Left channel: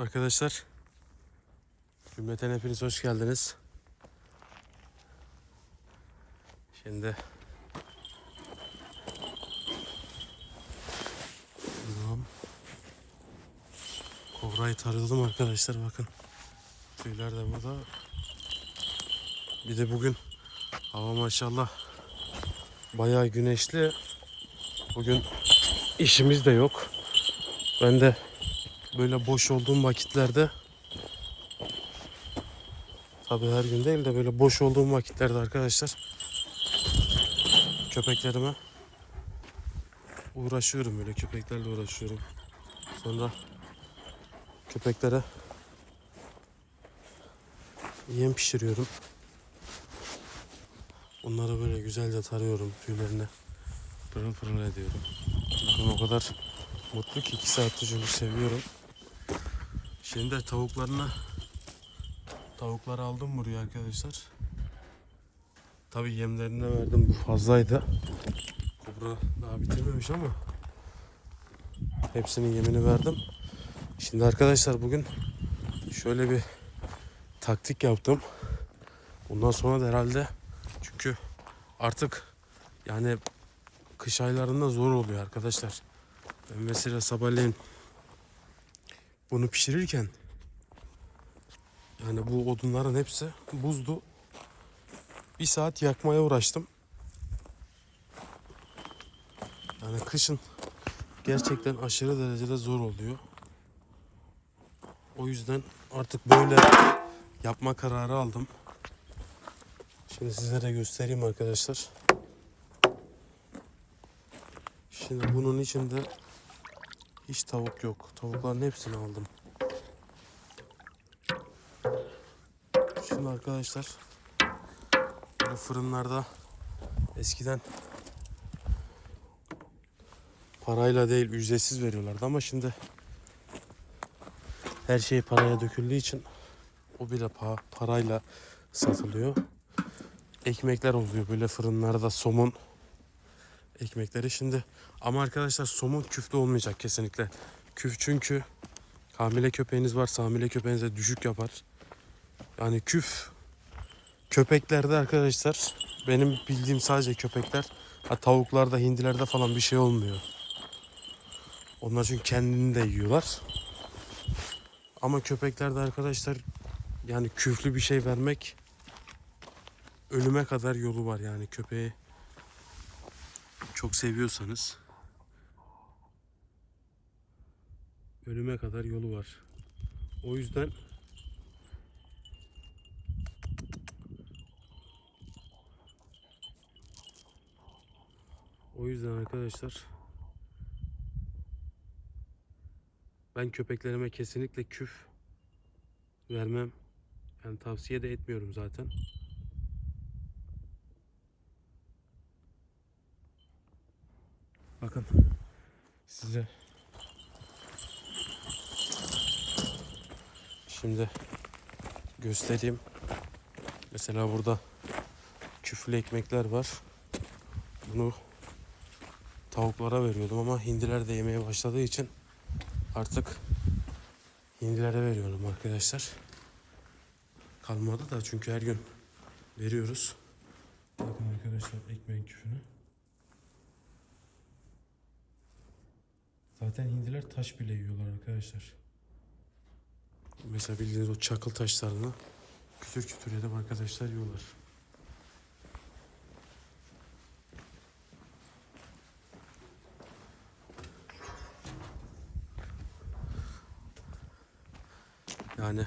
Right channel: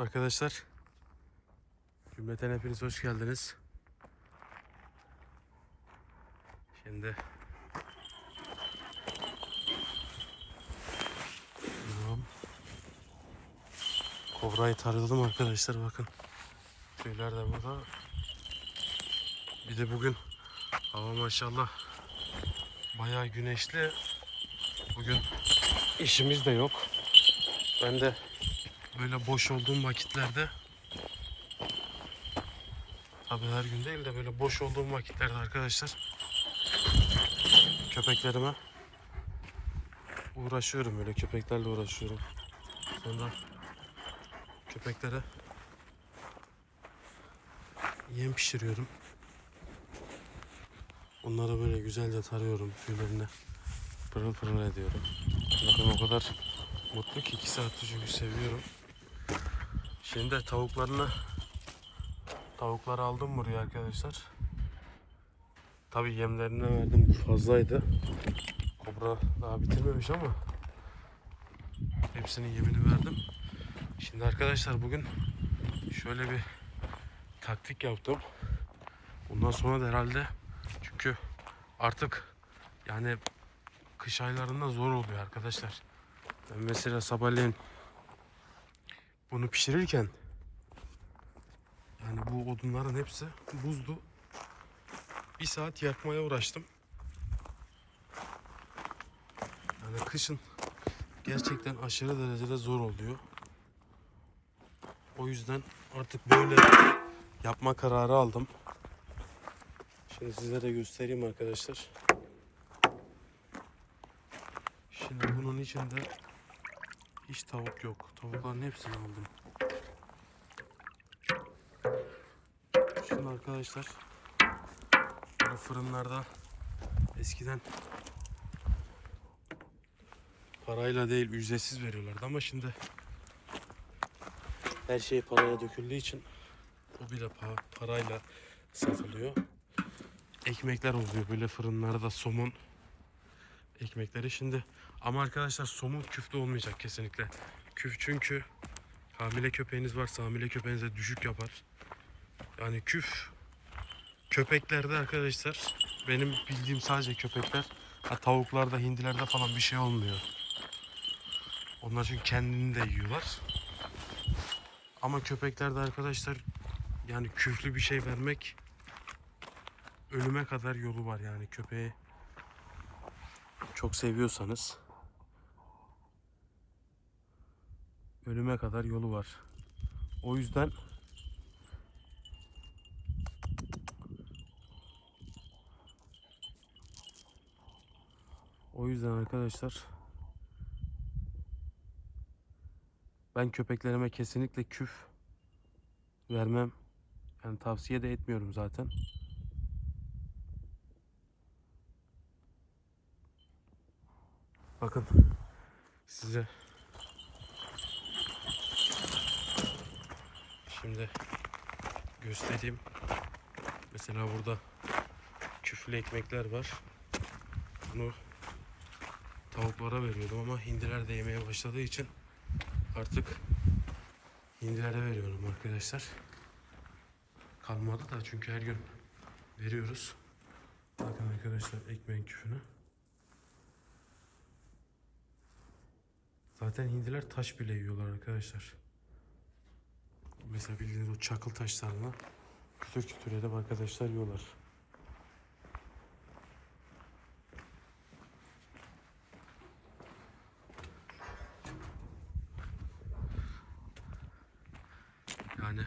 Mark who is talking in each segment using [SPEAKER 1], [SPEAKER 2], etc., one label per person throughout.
[SPEAKER 1] Arkadaşlar Cümleten hepiniz hoş geldiniz. Şimdi Tamam. Kobrayı taradım arkadaşlar bakın. Tüyler de burada. Bir de bugün hava maşallah bayağı güneşli. Bugün işimiz de yok. Ben de böyle boş olduğum vakitlerde tabi her gün değil de böyle boş olduğum vakitlerde arkadaşlar köpeklerime uğraşıyorum böyle köpeklerle uğraşıyorum. Sonra köpeklere yem pişiriyorum. Onları böyle güzelce tarıyorum tüylerini pırıl pırıl ediyorum. Bakın o kadar mutlu ki 2 saattir çünkü seviyorum. Şimdi de tavuklarına tavukları aldım buraya arkadaşlar. Tabi yemlerine verdim fazlaydı. Kobra daha bitirmemiş ama hepsinin yemini verdim. Şimdi arkadaşlar bugün şöyle bir taktik yaptım. Bundan sonra da herhalde çünkü artık yani kış aylarında zor oluyor arkadaşlar. Ben mesela sabahleyin bunu pişirirken yani bu odunların hepsi buzdu. Bir saat yakmaya uğraştım. Yani kışın gerçekten aşırı derecede zor oluyor. O yüzden artık böyle yapma kararı aldım. Şimdi sizlere göstereyim arkadaşlar. Şimdi bunun içinde hiç tavuk yok. Tavukların hepsini aldım. Şimdi arkadaşlar bu fırınlarda eskiden parayla değil ücretsiz veriyorlardı ama şimdi her şey paraya döküldüğü için o bile pa- parayla satılıyor. Ekmekler oluyor böyle fırınlarda somun ekmekleri şimdi ama arkadaşlar somun küflü olmayacak kesinlikle. Küf çünkü hamile köpeğiniz varsa hamile köpeğinize düşük yapar. Yani küf köpeklerde arkadaşlar benim bildiğim sadece köpekler ha, tavuklarda hindilerde falan bir şey olmuyor. Onlar çünkü kendini de yiyorlar. Ama köpeklerde arkadaşlar yani küflü bir şey vermek ölüme kadar yolu var yani köpeği çok seviyorsanız ölüme kadar yolu var. O yüzden O yüzden arkadaşlar ben köpeklerime kesinlikle küf vermem. Yani tavsiye de etmiyorum zaten. Bakın size şimdi göstereyim. Mesela burada küflü ekmekler var. Bunu tavuklara veriyordum ama hindiler de yemeye başladığı için artık hindilere veriyorum arkadaşlar. Kalmadı da çünkü her gün veriyoruz. Bakın arkadaşlar ekmeğin küfünü. Zaten hindiler taş bile yiyorlar arkadaşlar. Mesela bildiğiniz o çakıl taşlarını kütür kütür edip arkadaşlar yiyorlar. Yani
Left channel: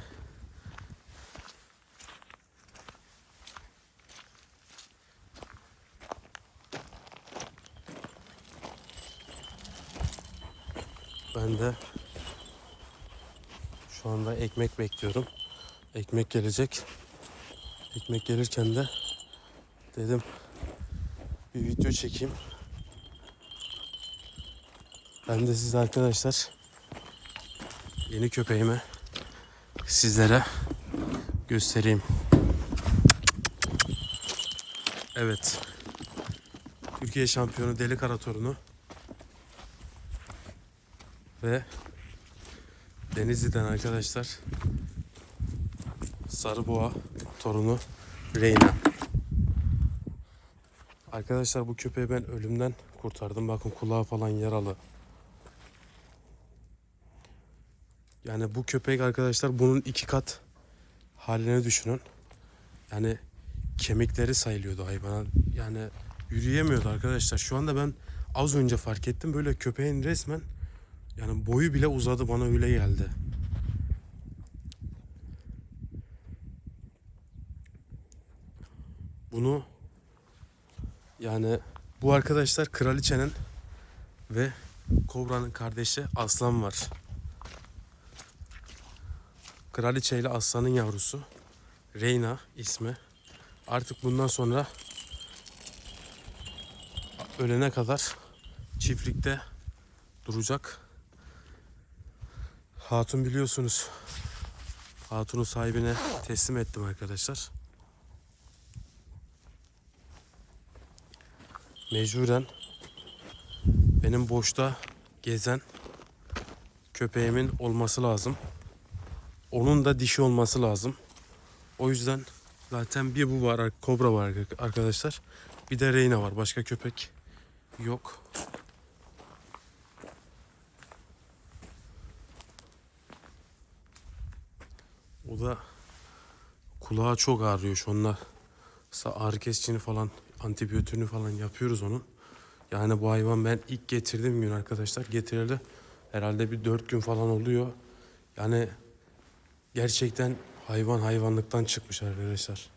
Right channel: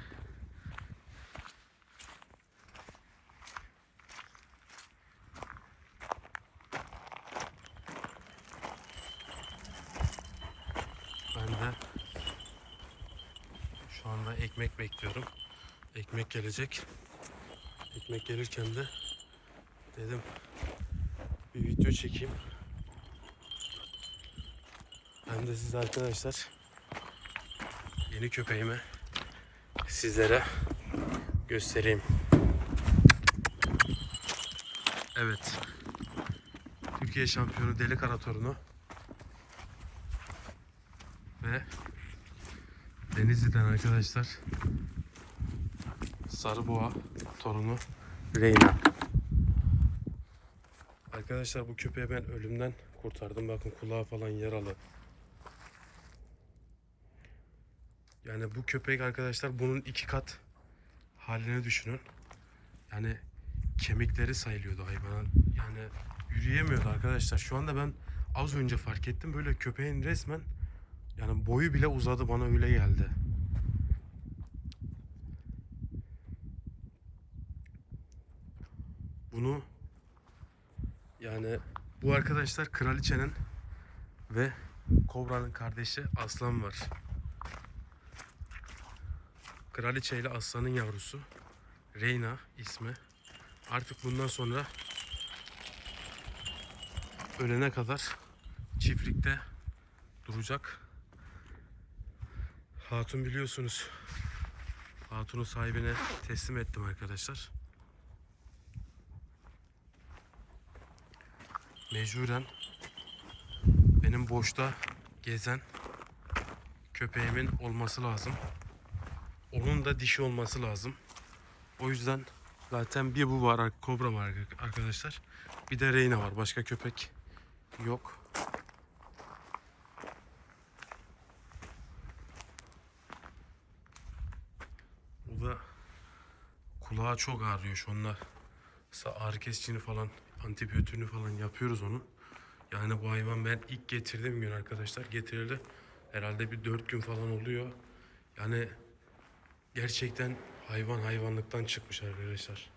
[SPEAKER 1] ben de şu anda ekmek bekliyorum. Ekmek gelecek. Ekmek gelirken de dedim bir video çekeyim. Ben de size arkadaşlar yeni köpeğimi sizlere göstereyim. Evet. Türkiye şampiyonu Deli Kara torunu ve Denizli'den arkadaşlar. Sarıboğa torunu Reyna. Arkadaşlar bu köpeği ben ölümden kurtardım. Bakın kulağı falan yaralı. Yani bu köpek arkadaşlar bunun iki kat haline düşünün. Yani kemikleri sayılıyordu hayvana. Yani yürüyemiyordu arkadaşlar. Şu anda ben az önce fark ettim. Böyle köpeğin resmen yani boyu bile uzadı bana öyle geldi. Bunu yani bu arkadaşlar kraliçenin ve kobranın kardeşi aslan var. Kraliçe ile aslanın yavrusu. Reyna ismi. Artık bundan sonra ölene kadar çiftlikte duracak. Hatun biliyorsunuz. Hatun'u sahibine teslim ettim arkadaşlar. Mecburen benim boşta gezen köpeğimin olması lazım. Onun da dişi olması lazım. O yüzden zaten bir bu var, kobra var arkadaşlar. Bir de Reyna var. Başka köpek yok. O da kulağı çok ağrıyor şu. Sa- Ağrı kesicini falan, antibiyotiğini falan yapıyoruz onun. Yani bu hayvan ben ilk getirdiğim gün arkadaşlar getirildi. Herhalde bir dört gün falan oluyor. Yani gerçekten hayvan hayvanlıktan çıkmış arkadaşlar.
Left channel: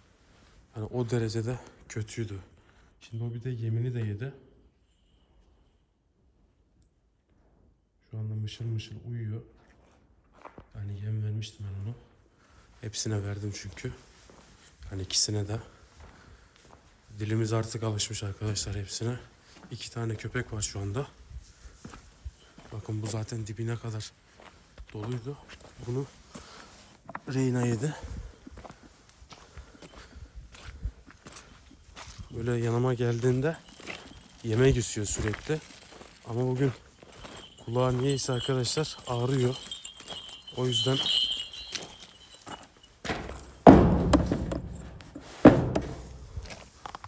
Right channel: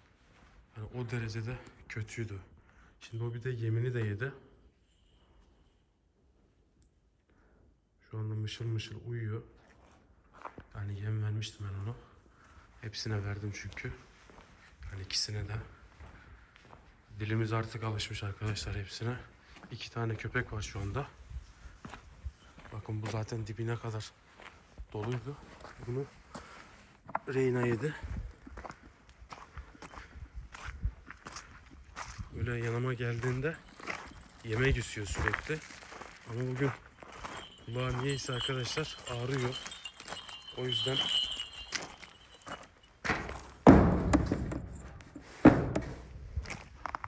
[SPEAKER 1] Yani o derecede kötüydü. Şimdi o bir de yemini de yedi. Şu anda mışıl mışıl uyuyor. Yani yem vermiştim ben onu. Hepsine verdim çünkü. Hani ikisine de. Dilimiz artık alışmış arkadaşlar hepsine. İki tane köpek var şu anda. Bakın bu zaten dibine kadar doluydu. Bunu Reyna yedi. Böyle yanıma geldiğinde yemek istiyor sürekli. Ama bugün kulağı niyeyse arkadaşlar ağrıyor. O yüzden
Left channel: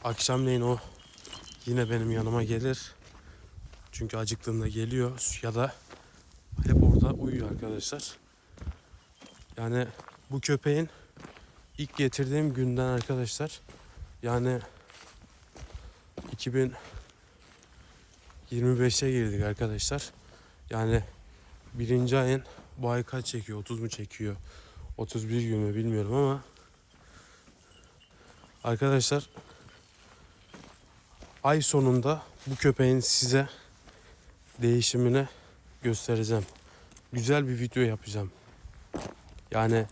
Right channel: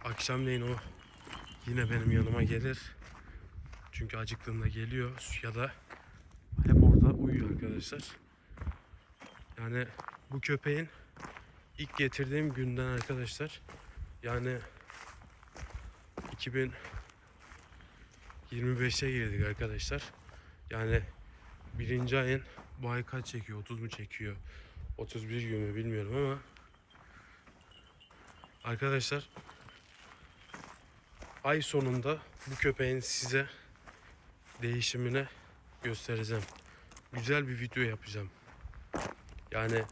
[SPEAKER 1] akşamleyin o yine benim yanıma gelir. Çünkü acıktığında geliyor ya da hep orada uyuyor arkadaşlar. Yani bu köpeğin ilk getirdiğim günden arkadaşlar yani 2025'e girdik arkadaşlar. Yani birinci ayın bu ay kaç çekiyor? 30 mu çekiyor? 31 gün mü bilmiyorum ama arkadaşlar ay sonunda bu köpeğin size değişimini göstereceğim. Güzel bir video yapacağım. Yani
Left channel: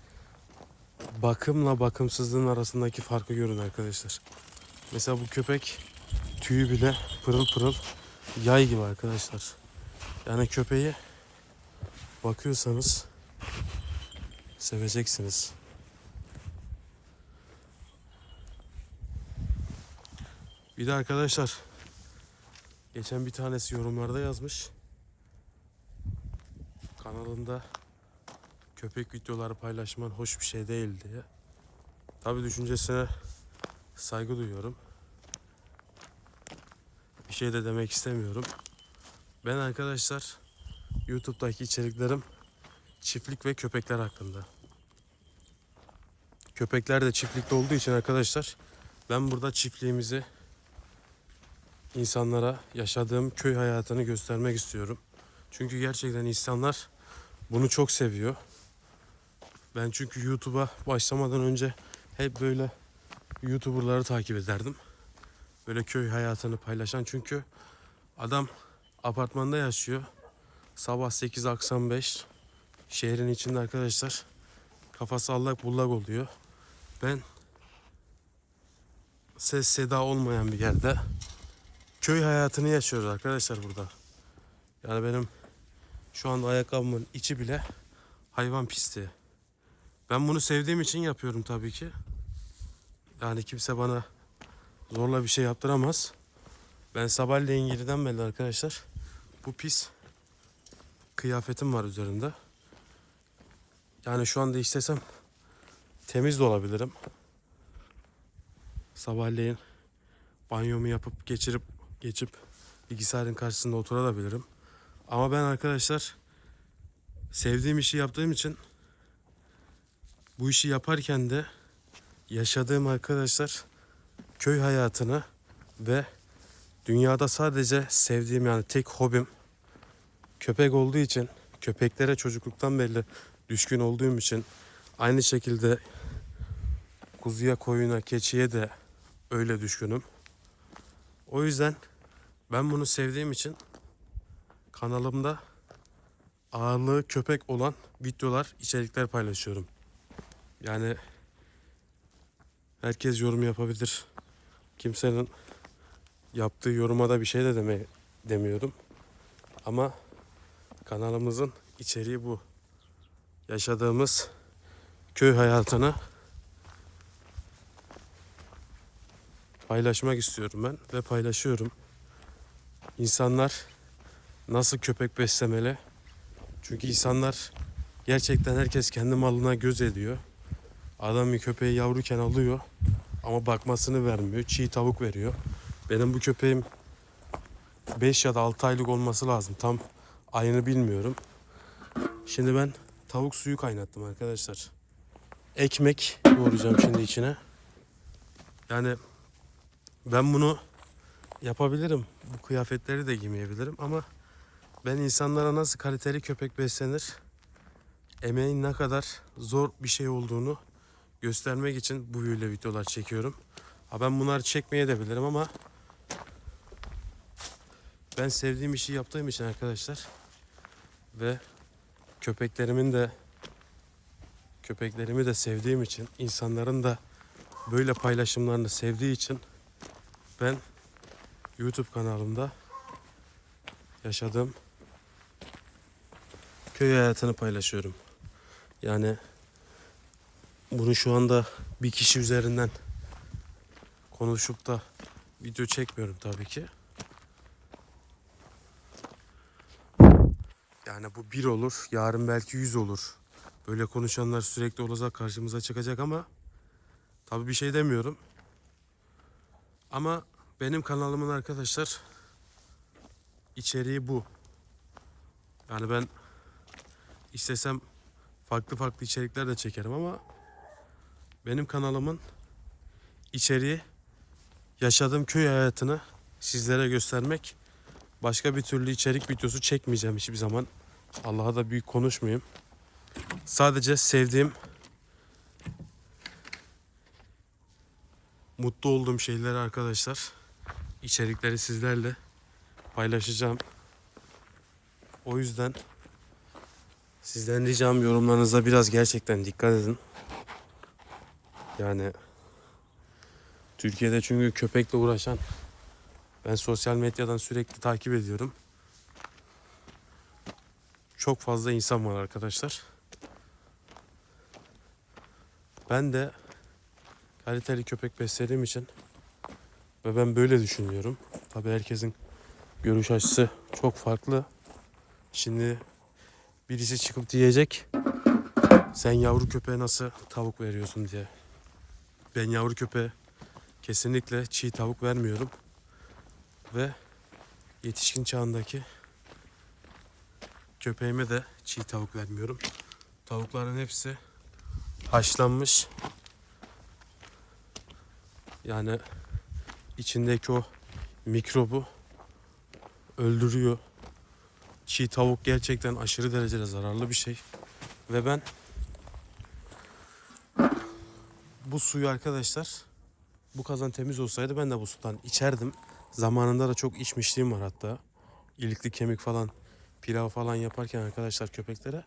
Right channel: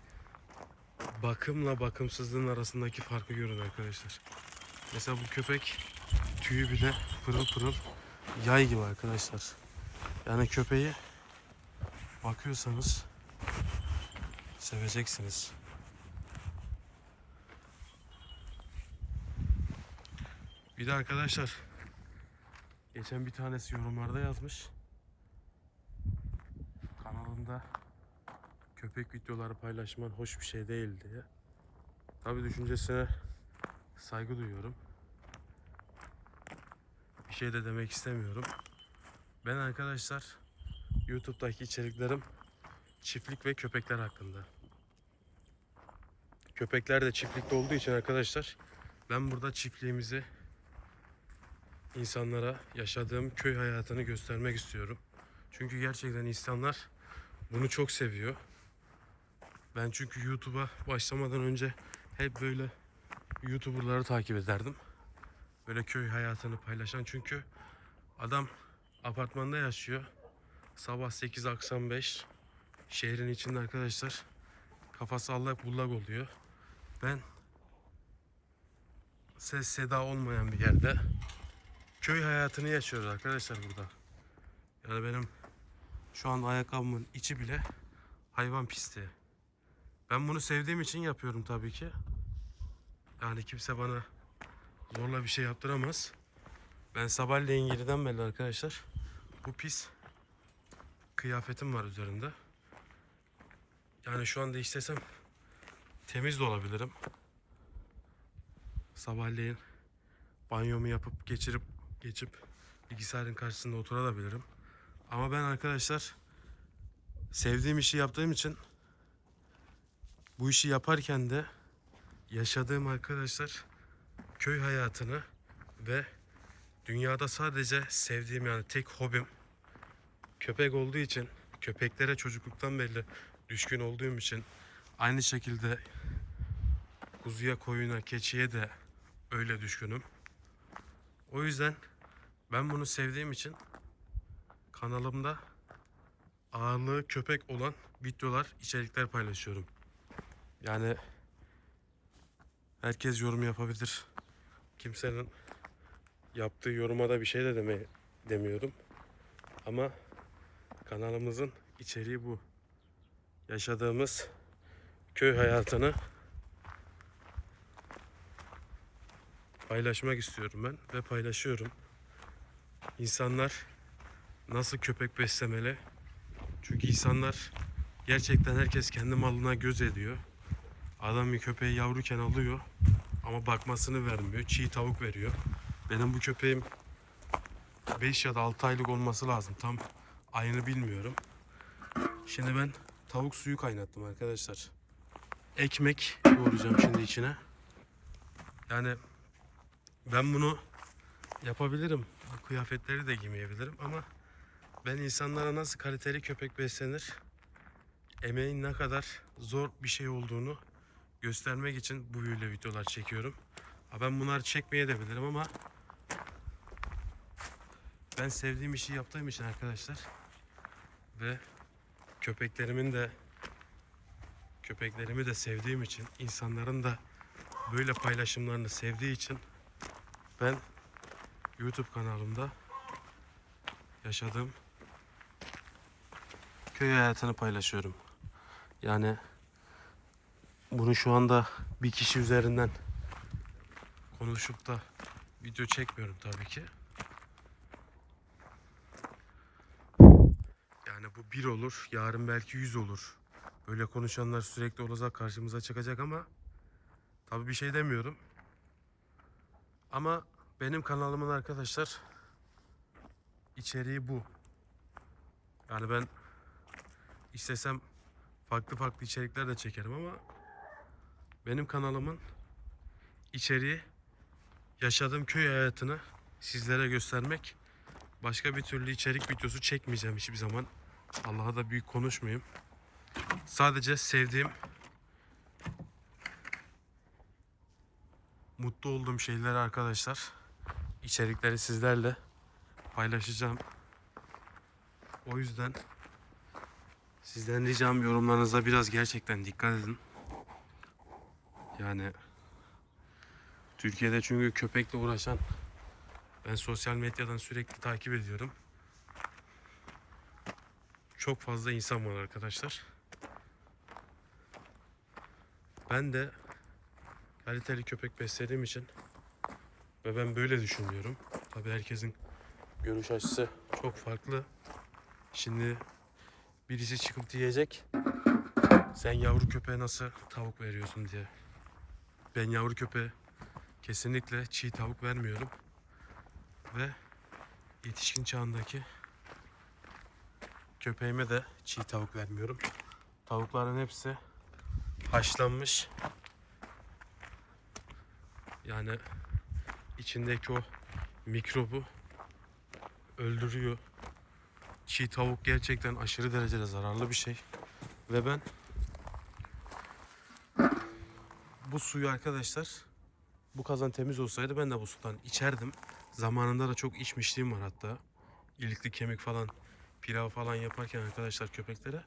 [SPEAKER 1] bakımla bakımsızlığın arasındaki farkı görün arkadaşlar. Mesela bu köpek tüyü bile pırıl pırıl yay gibi arkadaşlar. Yani köpeği bakıyorsanız seveceksiniz. Bir de arkadaşlar geçen bir tanesi yorumlarda yazmış. Kanalında köpek videoları paylaşman hoş bir şey değil diye. Tabi düşüncesine saygı duyuyorum. Bir şey de demek istemiyorum. Ben arkadaşlar YouTube'daki içeriklerim çiftlik ve köpekler hakkında. Köpekler de çiftlikte olduğu için arkadaşlar ben burada çiftliğimizi insanlara yaşadığım köy hayatını göstermek istiyorum. Çünkü gerçekten insanlar bunu çok seviyor. Ben çünkü YouTube'a başlamadan önce hep böyle YouTuber'ları takip ederdim. Böyle köy hayatını paylaşan çünkü adam apartmanda yaşıyor. Sabah 8 akşam 5 şehrin içinde arkadaşlar kafası allak bullak oluyor. Ben ses seda olmayan bir yerde köy hayatını yaşıyoruz arkadaşlar burada. Yani benim şu anda ayakkabımın içi bile hayvan pisliği. Ben bunu sevdiğim için yapıyorum tabii ki. Yani kimse bana zorla bir şey yaptıramaz. Ben sabahleyin 7'den beri arkadaşlar bu pis kıyafetim var üzerimde. Yani şu anda istesem temiz de olabilirim. Sabahleyin banyomu yapıp geçirip geçip bilgisayarın karşısında oturabilirim. Ama ben arkadaşlar sevdiğim işi yaptığım için bu işi yaparken de yaşadığım arkadaşlar köy hayatını ve dünyada sadece sevdiğim yani tek hobim köpek olduğu için köpeklere çocukluktan beri düşkün olduğum için aynı şekilde kuzuya, koyuna, keçiye de öyle düşkünüm. O yüzden ben bunu sevdiğim için kanalımda ağırlığı köpek olan videolar, içerikler paylaşıyorum. Yani herkes yorum yapabilir. Kimsenin yaptığı yoruma da bir şey de deme, demiyorum. Ama kanalımızın içeriği bu. Yaşadığımız köy hayatını paylaşmak istiyorum ben ve paylaşıyorum. İnsanlar nasıl köpek beslemeli? Çünkü insanlar gerçekten herkes kendi malına göz ediyor. Adam bir köpeği yavruken alıyor ama bakmasını vermiyor. Çiğ tavuk veriyor. Benim bu köpeğim 5 ya da 6 aylık olması lazım. Tam ayını bilmiyorum. Şimdi ben tavuk suyu kaynattım arkadaşlar. Ekmek yoğuracağım şimdi içine. Yani ben bunu yapabilirim. Bu kıyafetleri de giymeyebilirim ama ben insanlara nasıl kaliteli köpek beslenir, emeğin ne kadar zor bir şey olduğunu göstermek için bu böyle videolar çekiyorum. Ha ben bunları çekmeye de bilirim ama ben sevdiğim işi yaptığım için arkadaşlar ve köpeklerimin de köpeklerimi de sevdiğim için insanların da böyle paylaşımlarını sevdiği için ben YouTube kanalımda yaşadığım köy hayatını paylaşıyorum. Yani bunu şu anda bir kişi üzerinden konuşup da video çekmiyorum tabii ki. Yani bu bir olur, yarın belki yüz olur. Böyle konuşanlar sürekli olacak karşımıza çıkacak ama tabii bir şey demiyorum. Ama benim kanalımın arkadaşlar içeriği bu. Yani ben istesem farklı farklı içerikler de çekerim ama benim kanalımın içeriği yaşadığım köy hayatını sizlere göstermek. Başka bir türlü içerik videosu çekmeyeceğim hiçbir zaman. Allah'a da büyük konuşmayayım. Sadece sevdiğim mutlu olduğum şeyleri arkadaşlar içerikleri sizlerle paylaşacağım. O yüzden sizden ricam yorumlarınıza biraz gerçekten dikkat edin. Yani Türkiye'de çünkü köpekle uğraşan ben sosyal medyadan sürekli takip ediyorum. Çok fazla insan var arkadaşlar. Ben de kaliteli köpek beslediğim için ve ben böyle düşünüyorum. Tabii herkesin görüş açısı çok farklı. Şimdi birisi çıkıp diyecek sen yavru köpeğe nasıl tavuk veriyorsun diye. Ben yavru köpeğe kesinlikle çiğ tavuk vermiyorum. Ve yetişkin çağındaki köpeğime de çiğ tavuk vermiyorum. Tavukların hepsi haşlanmış. Yani içindeki o mikrobu öldürüyor. Çiğ tavuk gerçekten aşırı derecede zararlı bir şey. Ve ben bu suyu arkadaşlar bu kazan temiz olsaydı ben de bu sudan içerdim. Zamanında da çok içmişliğim var hatta. İlikli kemik falan pilav falan yaparken arkadaşlar köpeklere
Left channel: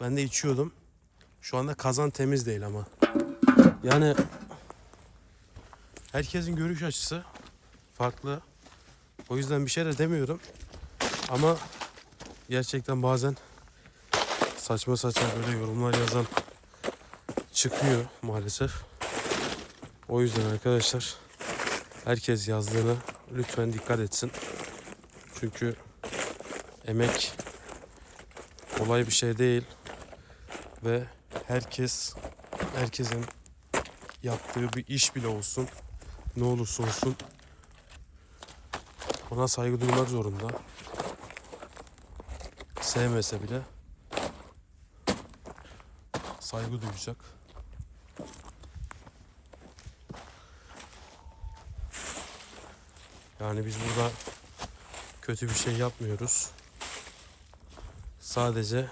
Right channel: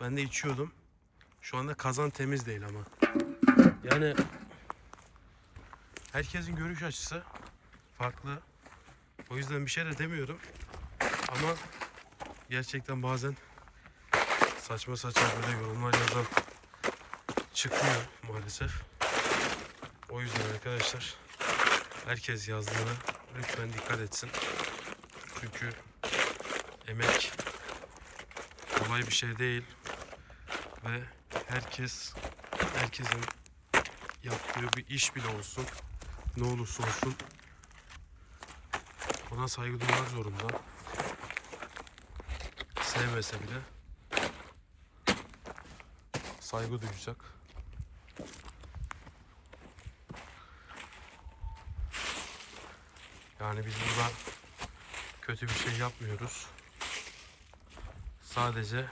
[SPEAKER 1] ben de içiyordum. Şu anda kazan temiz değil ama. Yani herkesin görüş açısı farklı. O yüzden bir şey de demiyorum. Ama gerçekten bazen saçma saçma böyle yorumlar yazan çıkıyor maalesef. O yüzden arkadaşlar herkes yazdığına lütfen dikkat etsin. Çünkü emek kolay bir şey değil ve herkes herkesin yaptığı bir iş bile olsun ne olursa olsun ona saygı duymak zorunda. Sevmese bile saygı duyacak. Yani biz burada kötü bir şey yapmıyoruz. Sadece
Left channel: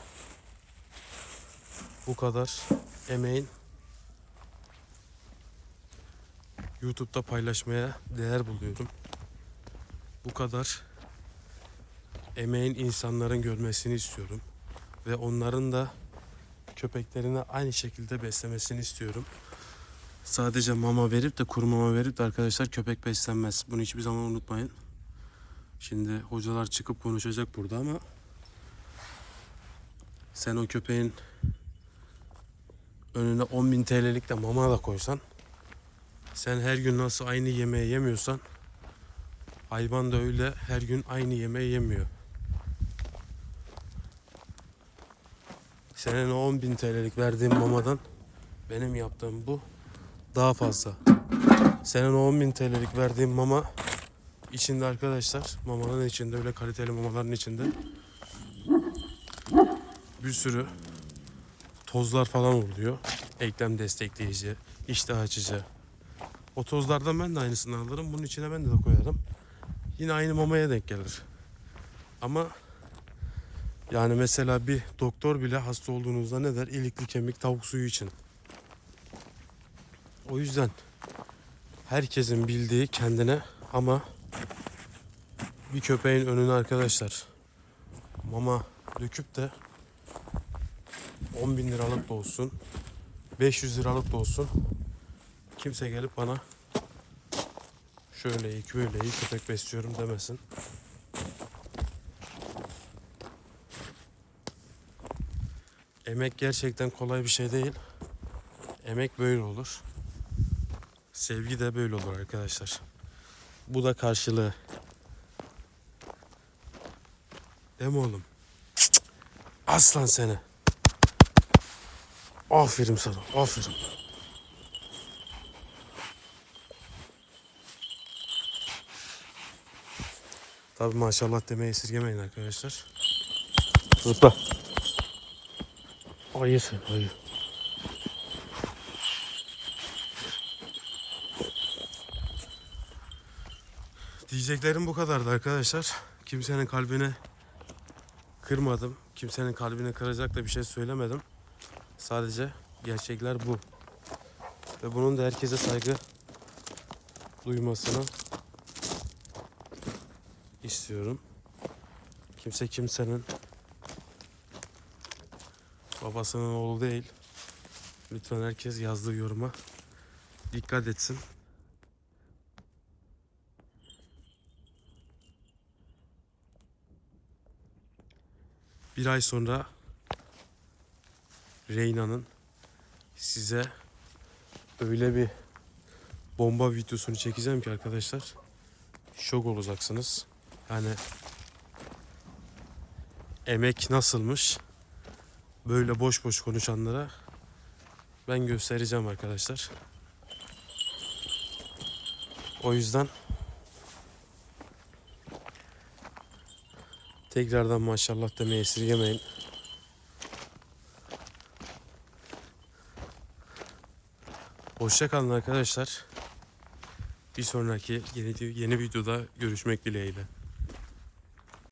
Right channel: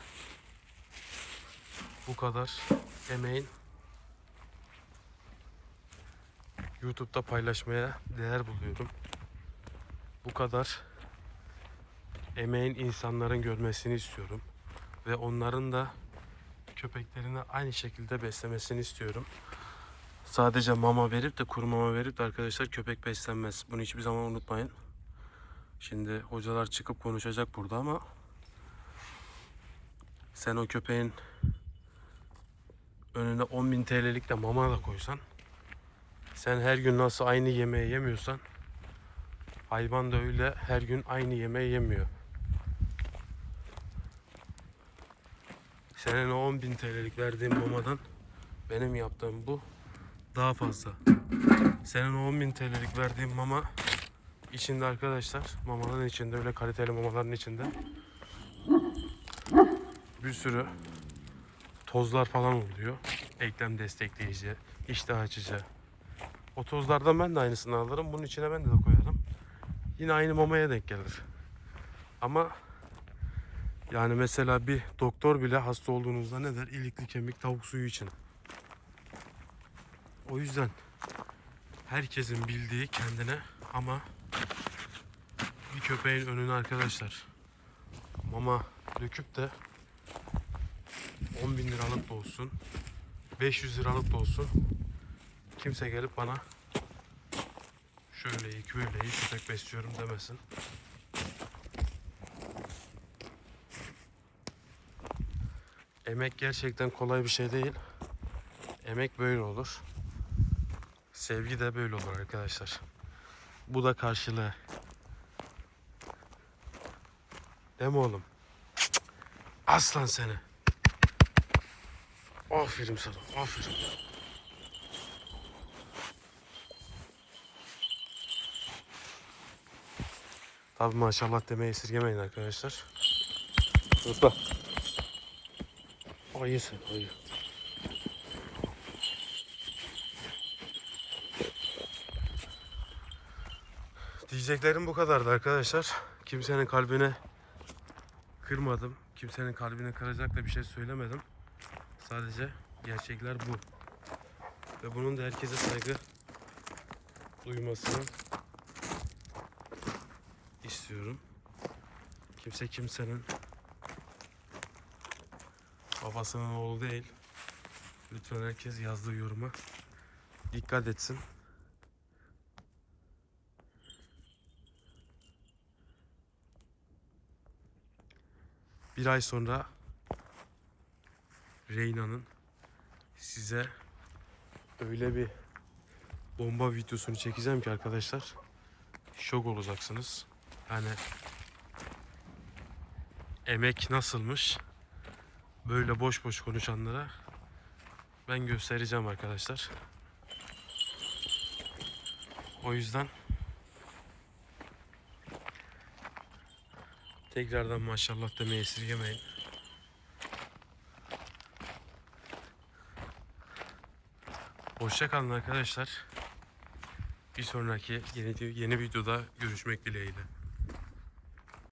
[SPEAKER 1] bu kadar emeğin YouTube'da paylaşmaya değer buluyorum. Bu kadar emeğin insanların görmesini istiyorum ve onların da köpeklerini aynı şekilde beslemesini istiyorum. Sadece mama verip de kuru mama verip de arkadaşlar köpek beslenmez. Bunu hiçbir zaman unutmayın. Şimdi hocalar çıkıp konuşacak burada ama sen o köpeğin önüne 10.000 TL'lik de mama da koysan sen her gün nasıl aynı yemeği yemiyorsan hayvan da öyle her gün aynı yemeği yemiyor. Senin o 10.000 TL'lik verdiğin mamadan benim yaptığım bu daha fazla. Senin o 10.000 TL'lik verdiğin mama içinde arkadaşlar mamanın içinde öyle kaliteli mamaların içinde bir sürü tozlar falan oluyor. Eklem destekleyici, iştah açıcı. O tozlardan ben de aynısını alırım. Bunun içine ben de, de koyarım. Yine aynı mamaya denk gelir. Ama yani mesela bir doktor bile hasta olduğunuzda ne der? İlikli kemik tavuk suyu için. O yüzden herkesin bildiği kendine ama bir köpeğin önüne arkadaşlar mama döküp de 10 bin liralık da olsun 500 liralık da olsun kimse gelip bana şöyle böyle iyi köpek besliyorum demesin. Emek gerçekten kolay bir şey değil. Emek böyle olur. Sevgi de böyle olur arkadaşlar. Bu da karşılığı. Değil mi oğlum? Aslan seni. Aferin sana. Aferin. Tabi maşallah demeyi esirgemeyin arkadaşlar. Zıpla. Ayısın. Ayı. Diyeceklerim bu kadardı arkadaşlar. Kimsenin kalbine kırmadım. Kimsenin kalbini kıracak da bir şey söylemedim. Sadece gerçekler bu. Ve bunun da herkese saygı duymasını istiyorum. Kimse kimsenin babasının oğlu değil. Lütfen herkes yazdığı yoruma dikkat etsin. Bir ay sonra Reyna'nın size öyle bir bomba videosunu çekeceğim ki arkadaşlar şok olacaksınız. Yani emek nasılmış böyle boş boş konuşanlara ben göstereceğim arkadaşlar. O yüzden tekrardan maşallah demeyi esirgemeyin. Hoşça kalın arkadaşlar. Bir sonraki yeni, yeni videoda görüşmek dileğiyle.